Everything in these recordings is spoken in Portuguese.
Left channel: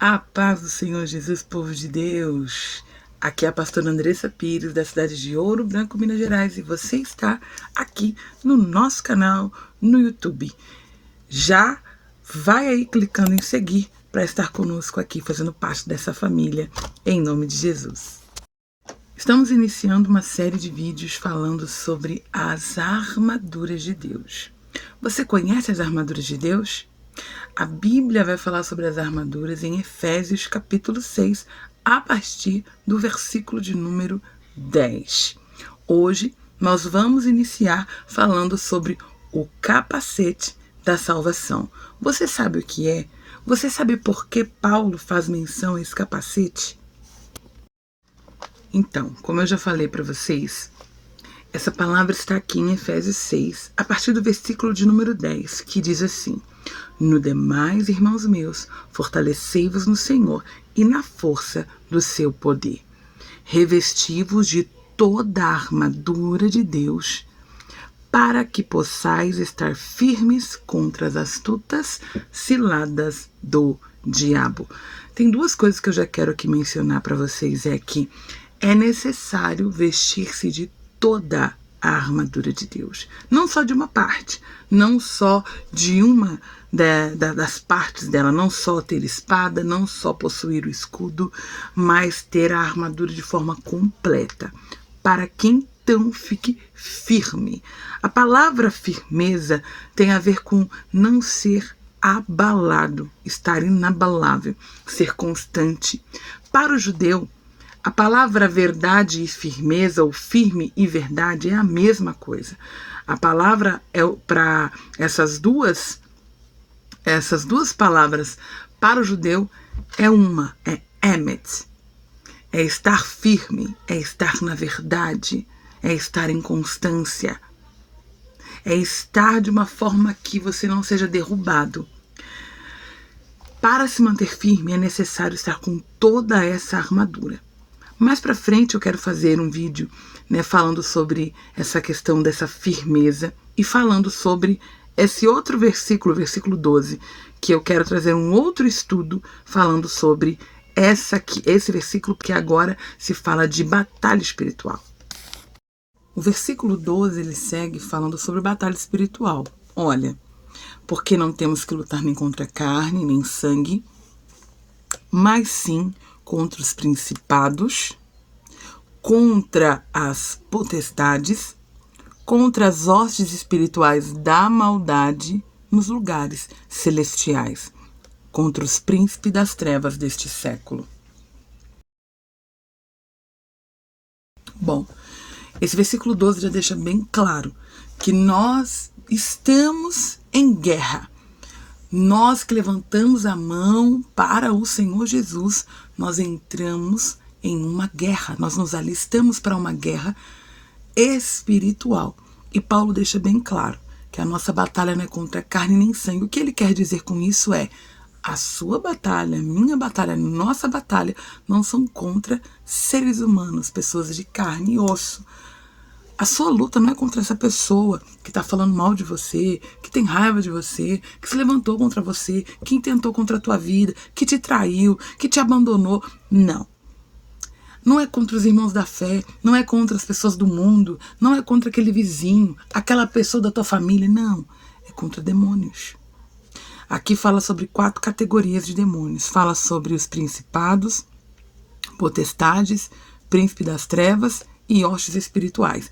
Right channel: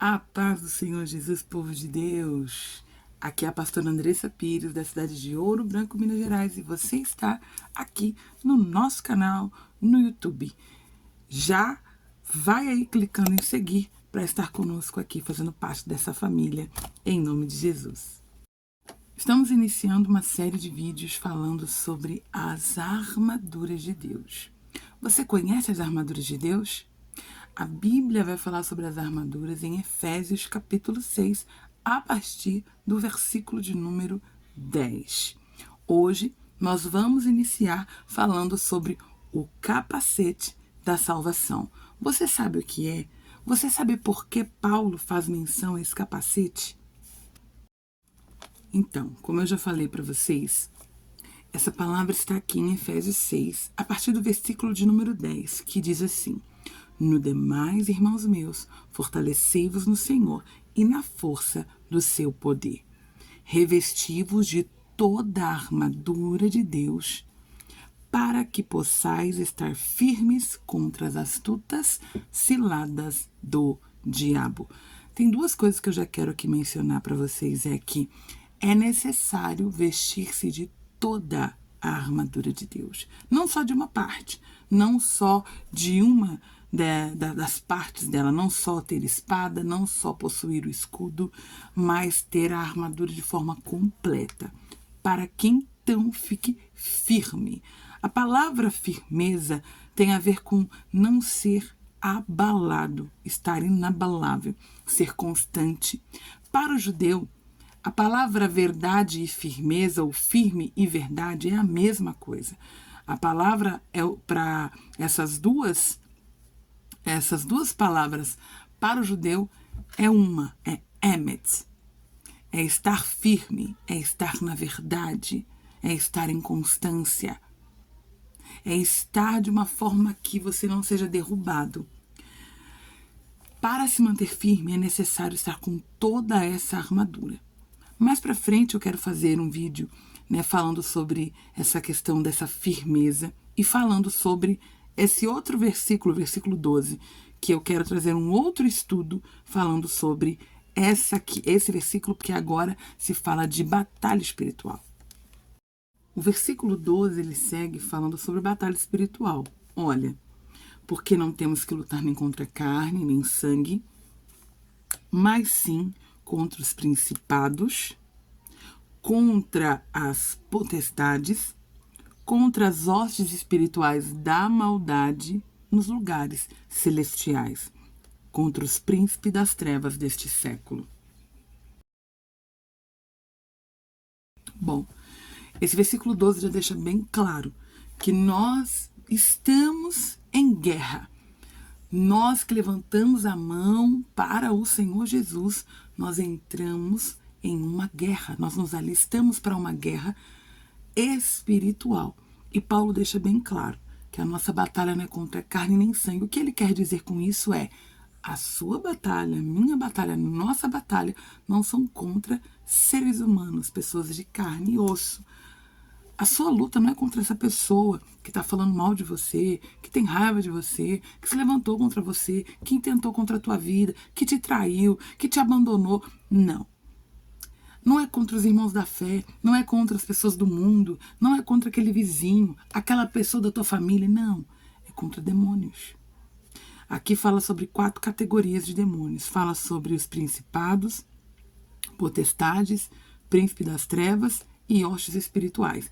A paz do Senhor Jesus, povo de Deus. Aqui é a pastora Andressa Pires, da cidade de Ouro Branco, Minas Gerais, e você está aqui no nosso canal no YouTube. Já vai aí clicando em seguir para estar conosco aqui, fazendo parte dessa família, em nome de Jesus. Estamos iniciando uma série de vídeos falando sobre as armaduras de Deus. Você conhece as armaduras de Deus? A Bíblia vai falar sobre as armaduras em Efésios capítulo 6, a partir do versículo de número 10. Hoje nós vamos iniciar falando sobre o capacete da salvação. Você sabe o que é? Você sabe por que Paulo faz menção a esse capacete? Então, como eu já falei para vocês, essa palavra está aqui em Efésios 6, a partir do versículo de número 10, que diz assim: No demais, irmãos meus, fortalecei-vos no Senhor e na força do seu poder. Revesti-vos de toda a armadura de Deus, para que possais estar firmes contra as astutas ciladas do diabo. Tem duas coisas que eu já quero aqui mencionar para vocês. É que é necessário vestir-se de toda a armadura de Deus. Não só de uma parte, não só de uma das partes dela, não só ter espada, não só possuir o escudo, mas ter a armadura de forma completa, para que então fique firme. A palavra firmeza tem a ver com não ser abalado, estar inabalável, ser constante. Para o judeu, a palavra verdade e firmeza, ou firme e verdade, é a mesma coisa. A palavra é para essas duas palavras para o judeu é uma, é emet. É estar firme, é estar na verdade, é estar em constância, é estar de uma forma que você não seja derrubado. Para se manter firme é necessário estar com toda essa armadura. Mais para frente eu quero fazer um vídeo, falando sobre essa questão dessa firmeza e falando sobre esse outro versículo, versículo 12, que eu quero trazer um outro estudo falando sobre esse versículo, porque agora se fala de batalha espiritual. O versículo 12 ele segue falando sobre batalha espiritual. Olha, porque não temos que lutar nem contra carne, nem sangue, mas sim contra os principados, contra as potestades, contra as hostes espirituais da maldade nos lugares celestiais, contra os príncipes das trevas deste século. Bom, esse versículo 12 já deixa bem claro que nós estamos em guerra. Nós que levantamos a mão para o Senhor Jesus, nós entramos em uma guerra, nós nos alistamos para uma guerra espiritual. E Paulo deixa bem claro que a nossa batalha não é contra carne nem sangue. O que ele quer dizer com isso é: a sua batalha, a minha batalha, a nossa batalha não são contra seres humanos, pessoas de carne e osso. A sua luta não é contra essa pessoa que está falando mal de você, que tem raiva de você, que se levantou contra você, que intentou contra a tua vida, que te traiu, que te abandonou. Não. Não é contra os irmãos da fé, não é contra as pessoas do mundo, não é contra aquele vizinho, aquela pessoa da tua família, não. É contra demônios. Aqui fala sobre 4 categorias de demônios. Fala sobre os principados, potestades, príncipe das trevas e hostes espirituais.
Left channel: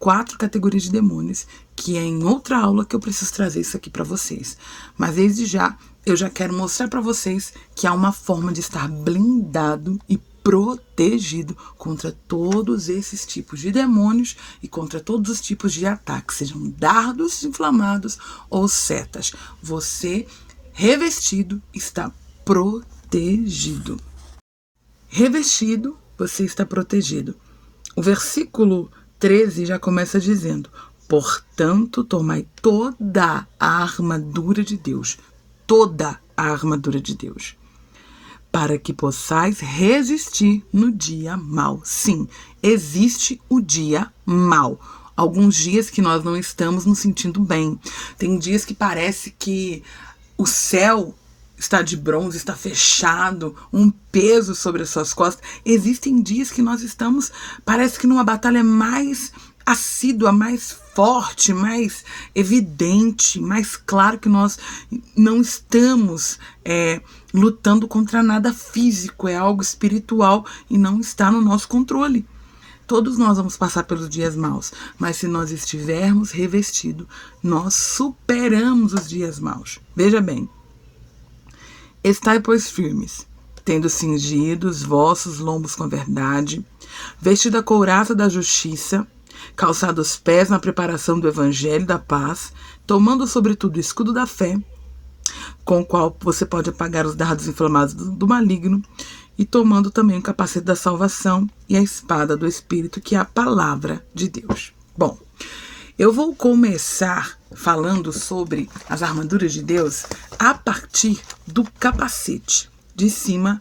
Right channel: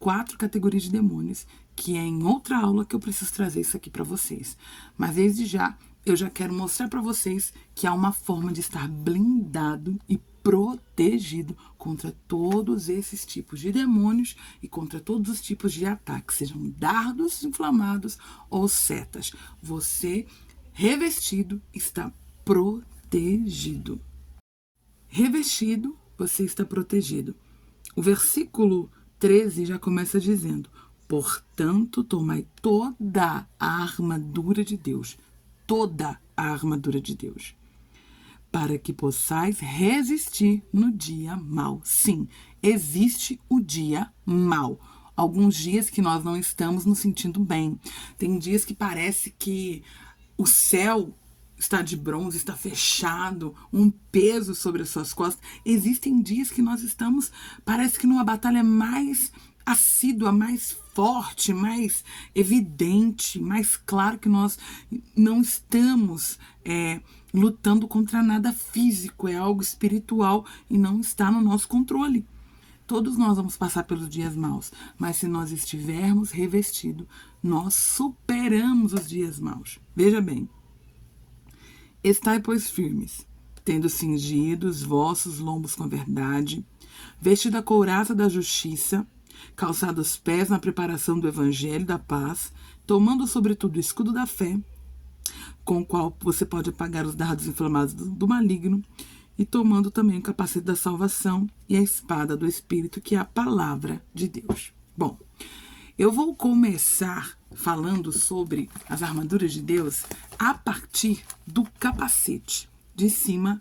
4 categorias de demônios, que é em outra aula que eu preciso trazer isso aqui para vocês. Mas desde já, eu já quero mostrar para vocês que há uma forma de estar blindado e protegido contra todos esses tipos de demônios e contra todos os tipos de ataques, sejam dardos inflamados ou setas. Você, revestido, está protegido. Revestido, você está protegido. O versículo 13 já começa dizendo: portanto, tomai toda a armadura de Deus, toda a armadura de Deus, para que possais resistir no dia mau. Sim, existe o dia mau. Alguns dias que nós não estamos nos sentindo bem. Tem dias que parece que o céu está de bronze, está fechado, um peso sobre as suas costas. Existem dias que nós estamos, parece que numa batalha mais assídua, mais forte, mais evidente, mais claro que nós não estamos lutando contra nada físico, é algo espiritual e não está no nosso controle. Todos nós vamos passar pelos dias maus, mas se nós estivermos revestidos, nós superamos os dias maus. Veja bem, estai, pois, firmes, tendo cingido os vossos lombos com a verdade, vestido a couraça da justiça, calçado os pés na preparação do evangelho da paz, tomando sobretudo o escudo da fé, com o qual você pode apagar os dardos inflamados do maligno, e tomando também o capacete da salvação e a espada do Espírito, que é a palavra de Deus. Bom, eu vou começar falando sobre as armaduras de Deus a partir do capacete, de cima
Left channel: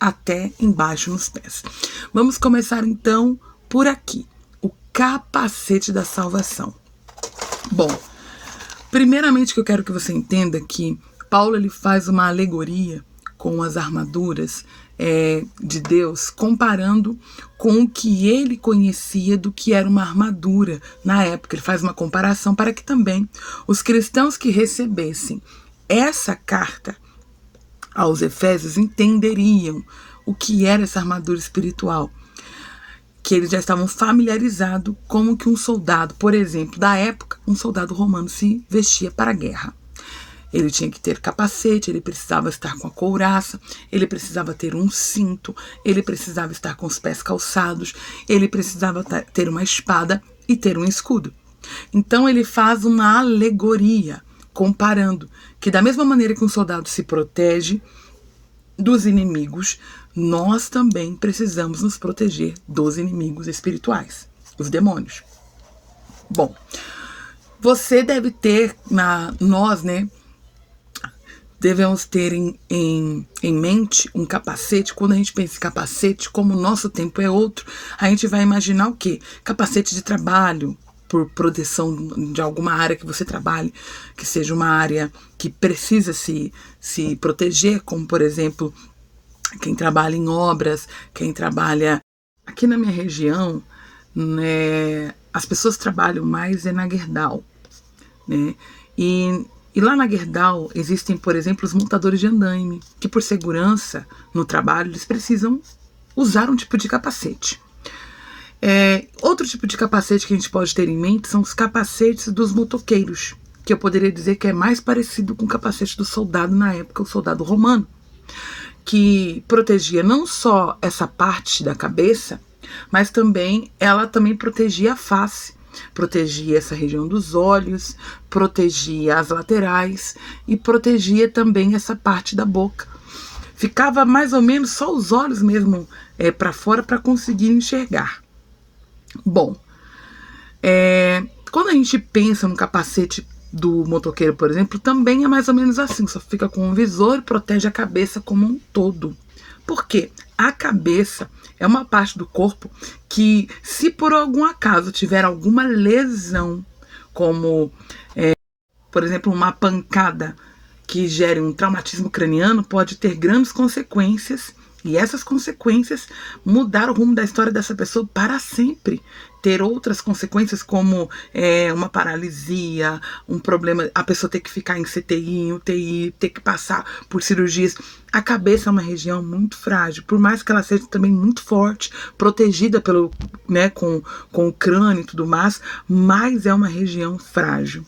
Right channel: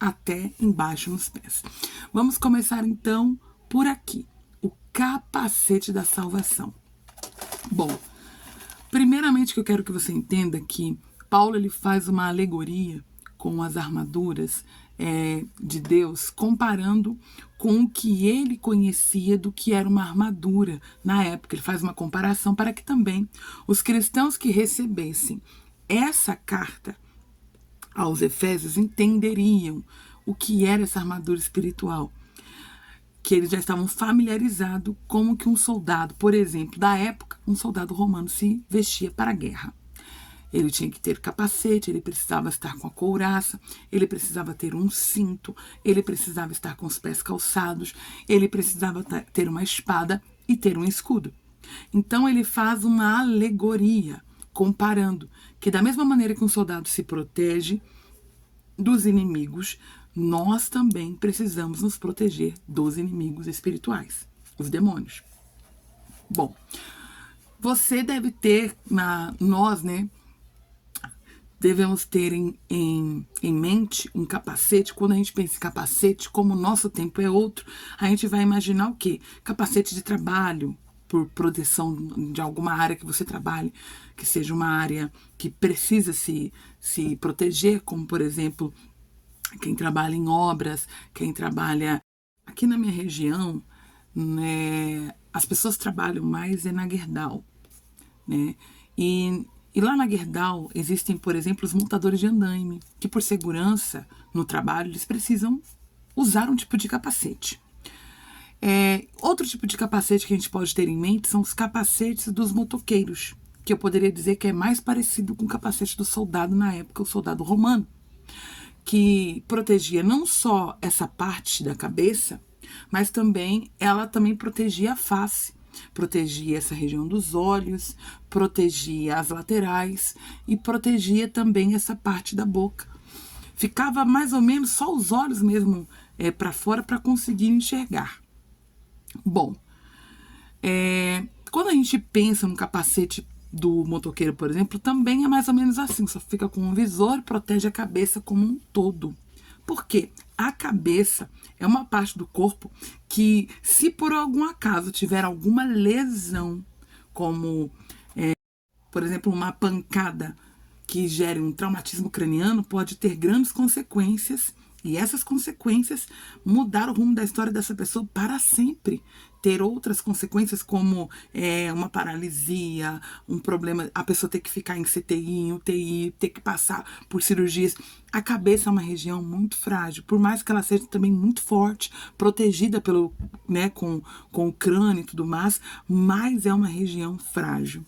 até embaixo nos pés. Vamos começar então por aqui, o capacete da salvação. Bom, primeiramente que eu quero que você entenda que Paulo ele faz uma alegoria com as armaduras de Deus, comparando com o que ele conhecia do que era uma armadura na época. Ele faz uma comparação para que também os cristãos que recebessem essa carta aos Efésios entenderiam o que era essa armadura espiritual, que eles já estavam familiarizados como que um soldado, por exemplo, da época, um soldado romano se vestia para a guerra. Ele tinha que ter capacete, ele precisava estar com a couraça, ele precisava ter um cinto, ele precisava estar com os pés calçados, ele precisava ter uma espada e ter um escudo. Então ele faz uma alegoria, comparando que da mesma maneira que um soldado se protege dos inimigos, nós também precisamos nos proteger dos inimigos espirituais, os demônios. Bom, você deve ter, nós, devemos ter em mente um capacete. Quando a gente pensa em capacete, como o nosso tempo é outro, a gente vai imaginar o quê? Capacete de trabalho, por proteção de alguma área que você trabalhe, que seja uma área que precisa se proteger, como, por exemplo, quem trabalha em obras, quem trabalha aqui na minha região, as pessoas trabalham mais na Gerdau, E lá na Gerdau existem, por exemplo, os montadores de andaime, que por segurança no trabalho eles precisam usar um tipo de capacete. Outro tipo de capacete que a gente pode ter em mente são os capacetes dos motoqueiros, que eu poderia dizer que é mais parecido com o capacete do soldado na época, o soldado romano, que protegia não só essa parte da cabeça, mas ela também protegia a face. Protegia essa região dos olhos, protegia as laterais e protegia também essa parte da boca. Ficava mais ou menos só os olhos mesmo para fora para conseguir enxergar. Bom, quando a gente pensa no capacete do motoqueiro, por exemplo, também é mais ou menos assim, só fica com um visor e protege a cabeça como um todo. Por quê? A cabeça é uma parte do corpo que, se por algum acaso tiver alguma lesão, como, por exemplo, uma pancada que gere um traumatismo craniano, pode ter grandes consequências, e essas consequências mudar o rumo da história dessa pessoa para sempre. Ter outras consequências como uma paralisia, um problema, a pessoa ter que ficar em CTI, em UTI, ter que passar por cirurgias. A cabeça é uma região muito frágil, por mais que ela seja também muito forte, protegida com o crânio e tudo mais, mas é uma região frágil.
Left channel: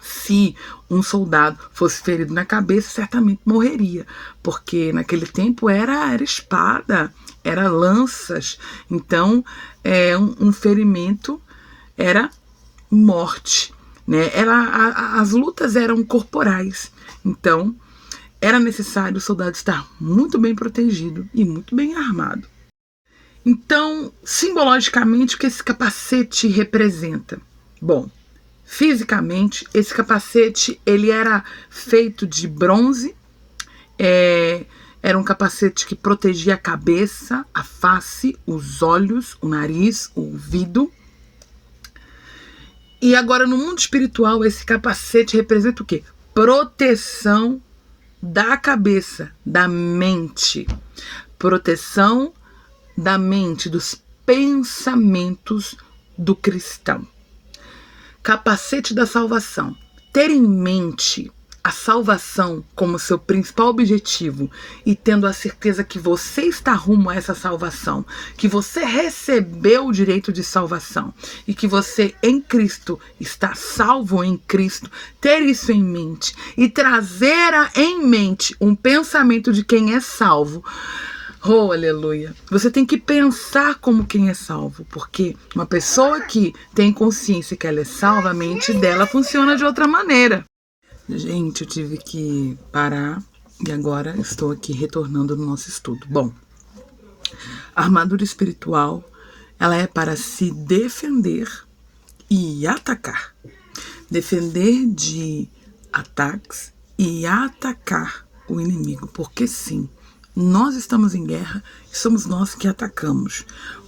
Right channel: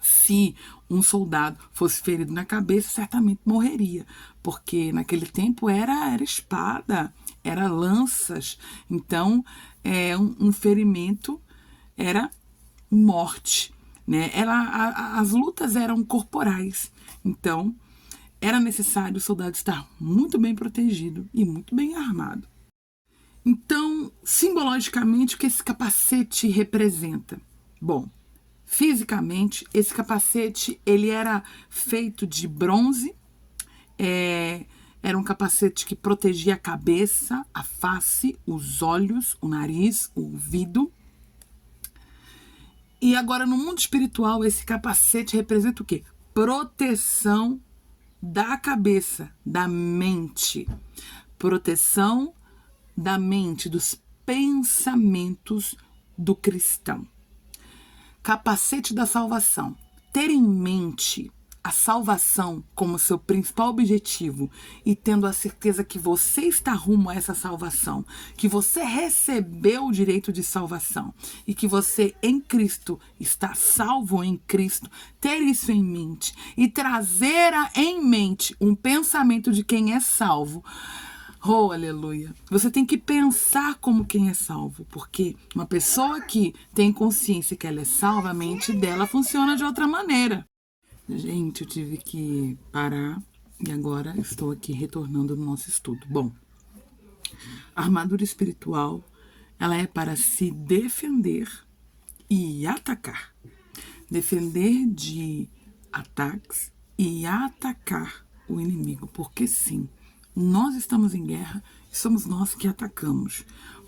Se um soldado fosse ferido na cabeça, certamente morreria, porque naquele tempo era espada, era lanças, então um ferimento era morte, as lutas eram corporais, então era necessário o soldado estar muito bem protegido e muito bem armado. Então, simbologicamente, o que esse capacete representa? Bom, fisicamente, esse capacete ele era feito de bronze, era um capacete que protegia a cabeça, a face, os olhos, o nariz, o ouvido. E agora, no mundo espiritual, esse capacete representa o quê? Proteção da cabeça, da mente. Proteção da mente, dos pensamentos do cristão. Capacete da salvação. Ter em mente a salvação como seu principal objetivo e tendo a certeza que você está rumo a essa salvação, que você recebeu o direito de salvação e que você em Cristo está salvo em Cristo, ter isso em mente e trazer em mente um pensamento de quem é salvo. Oh, aleluia. Você tem que pensar como quem é salvo, porque uma pessoa que tem consciência que ela é salva, a mente dela funciona de outra maneira. Gente, eu tive que parar e agora estou aqui retornando no nosso estudo. Bom, a armadura espiritual, ela é para se defender e atacar. Defender de ataques e atacar o inimigo, porque sim, nós estamos em guerra e somos nós que atacamos.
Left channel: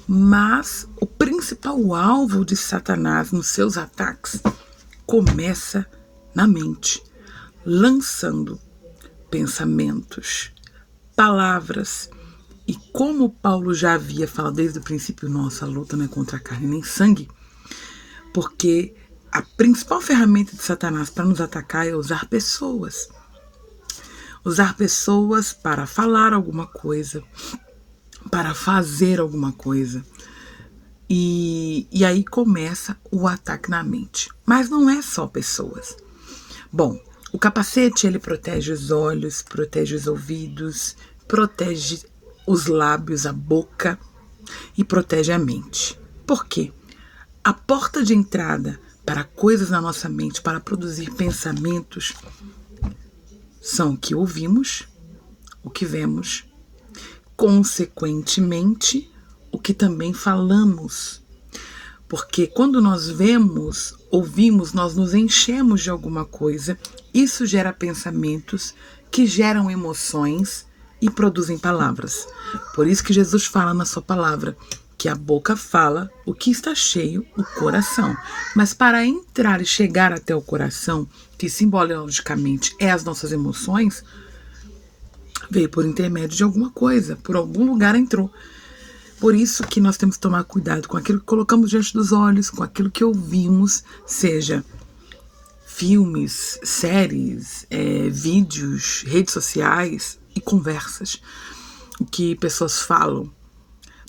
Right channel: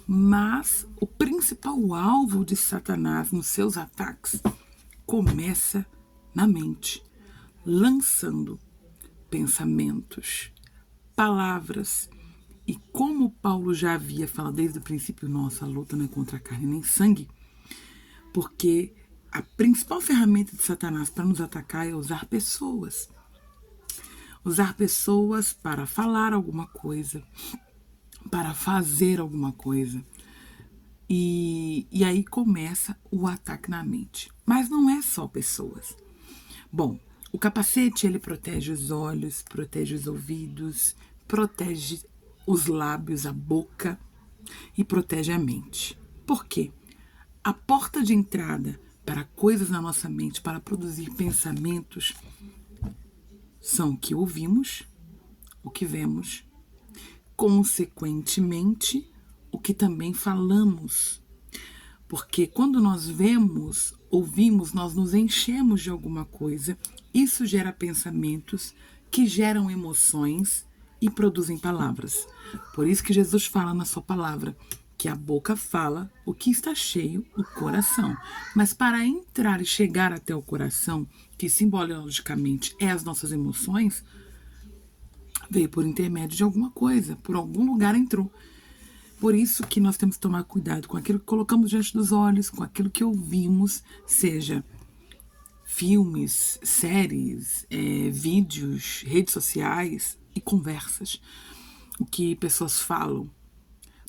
Mas o principal alvo de Satanás nos seus ataques começa na mente, lançando pensamentos, palavras. E como Paulo já havia falado desde o princípio, nossa luta não é contra a carne nem sangue, porque a principal ferramenta de Satanás para nos atacar é usar pessoas. Usar pessoas para falar alguma coisa, para fazer alguma coisa. E aí começa o ataque na mente. Mas não é só pessoas. Bom, o capacete, ele protege os olhos, protege os ouvidos, protege os lábios, a boca e protege a mente. Por quê? A porta de entrada para coisas na nossa mente, para produzir pensamentos, são o que ouvimos, o que vemos, consequentemente, o que também falamos. Porque quando nós vemos, ouvimos, nós nos enchemos de alguma coisa, isso gera pensamentos que geram emoções e produzem palavras. Por isso que Jesus fala na sua palavra que a boca fala o que está cheio, o coração. Mas para entrar e chegar até o coração, que simbologicamente é as nossas emoções, veio por intermédio de alguma coisa, por algum lugar entrou. Por isso que nós temos que tomar cuidado com aquilo que colocamos diante dos olhos, com aquilo que ouvimos, seja filmes, séries, vídeos, redes sociais e conversas. O que pessoas falam,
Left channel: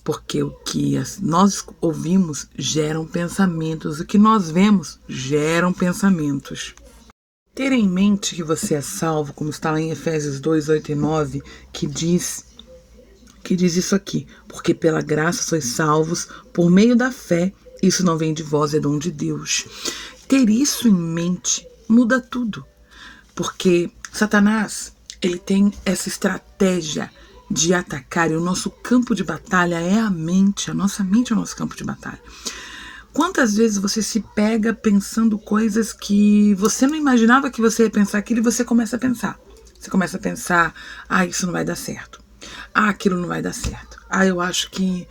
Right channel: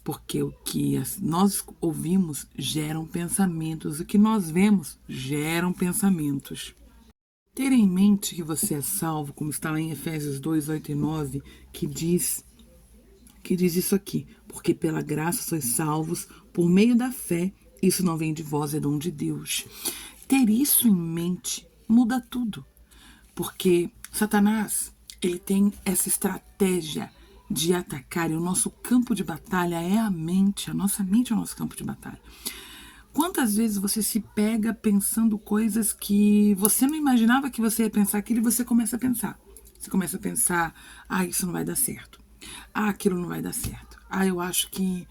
porque o que nós ouvimos geram pensamentos, o que nós vemos geram pensamentos. Ter em mente que você é salvo, como está lá em Efésios 2, 8 e 9, que diz isso aqui: porque pela graça sois salvos por meio da fé, isso não vem de vós, é dom de Deus. Ter isso em mente muda tudo, porque Satanás, ele tem essa estratégia de atacar, e o nosso campo de batalha é a mente, a nossa mente é o nosso campo de batalha. Quantas vezes você se pega pensando coisas que você não imaginava que você ia pensar aquilo e você começa a pensar. Você começa a pensar, isso não vai dar certo. Aquilo não vai dar certo. Eu acho que,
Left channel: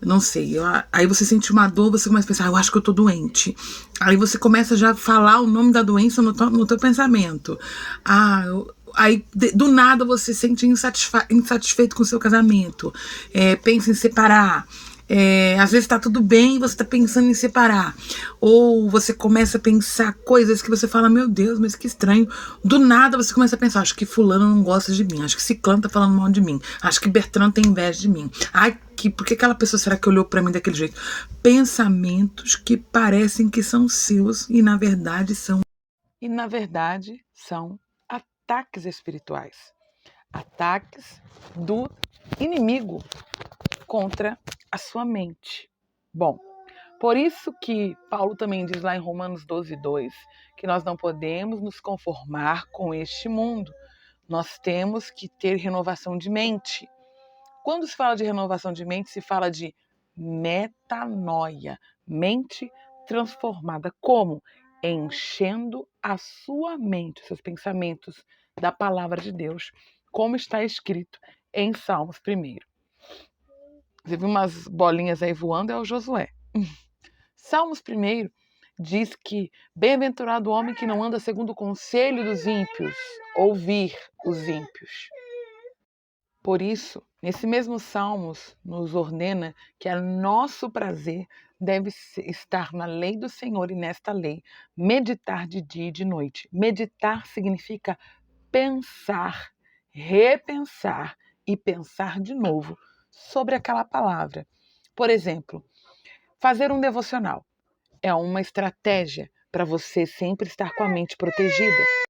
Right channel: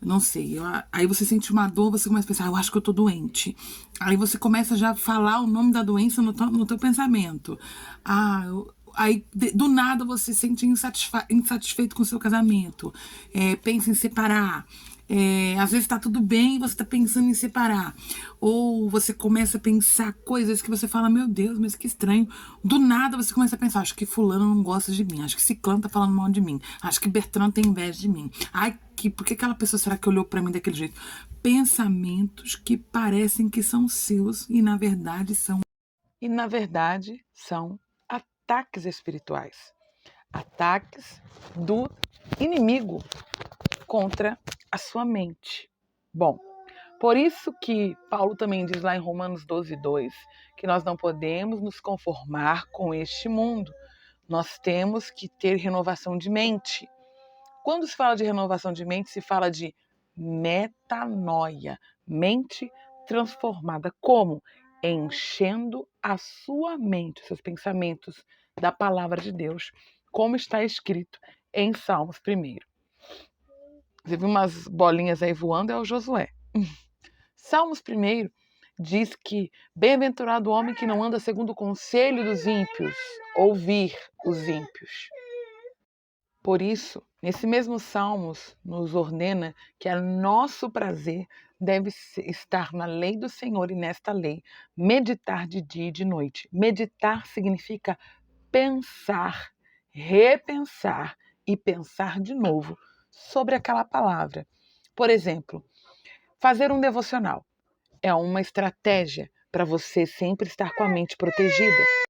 não sei. Aí você sente uma dor, você começa a pensar, eu acho que eu tô doente. Aí você começa já a falar o nome da doença no teu pensamento. Aí, do nada, você se sente insatisfeito com o seu casamento. Pensa em separar. Às vezes tá tudo bem e você tá pensando em separar. Ou você começa a pensar coisas que você fala, meu Deus, mas que estranho. Do nada você começa a pensar, acho que fulano não gosta de mim. Acho que ciclano tá falando mal de mim. Acho que Bertrand tem inveja de mim. Por que aquela pessoa será que olhou pra mim daquele jeito? Pensamentos que parecem que são seus e na verdade são ataques espirituais. Ataques do inimigo contra a sua mente. Bom, por isso que Paulo também diz lá em Romanos 12, 2, que nós não podemos nos conformar com este mundo. Nós temos que ter renovação de mente. Quando se fala de renovação de mente, se fala de metanoia, mente transformada. Como? Enchendo a sua mente, seus pensamentos, da palavra de Deus, como está escrito em Salmos 1. Você viu umas bolinhas aí voando, é o Josué. Salmos 1 diz que bem-aventurado o homem que não anda segundo o conselho dos ímpios, ouvir os ímpios. Por isso, nesse mesmo Salmos, nos ordena que o nosso prazer deve estar na lei do Senhor e nesta lei, meditar de dia e de noite. Meditar significa pensar, repensar e pensar de novo sobre aquela palavra. Por exemplo, fazer um devocional é uma estratégia para você sempre estar com a mente protegida.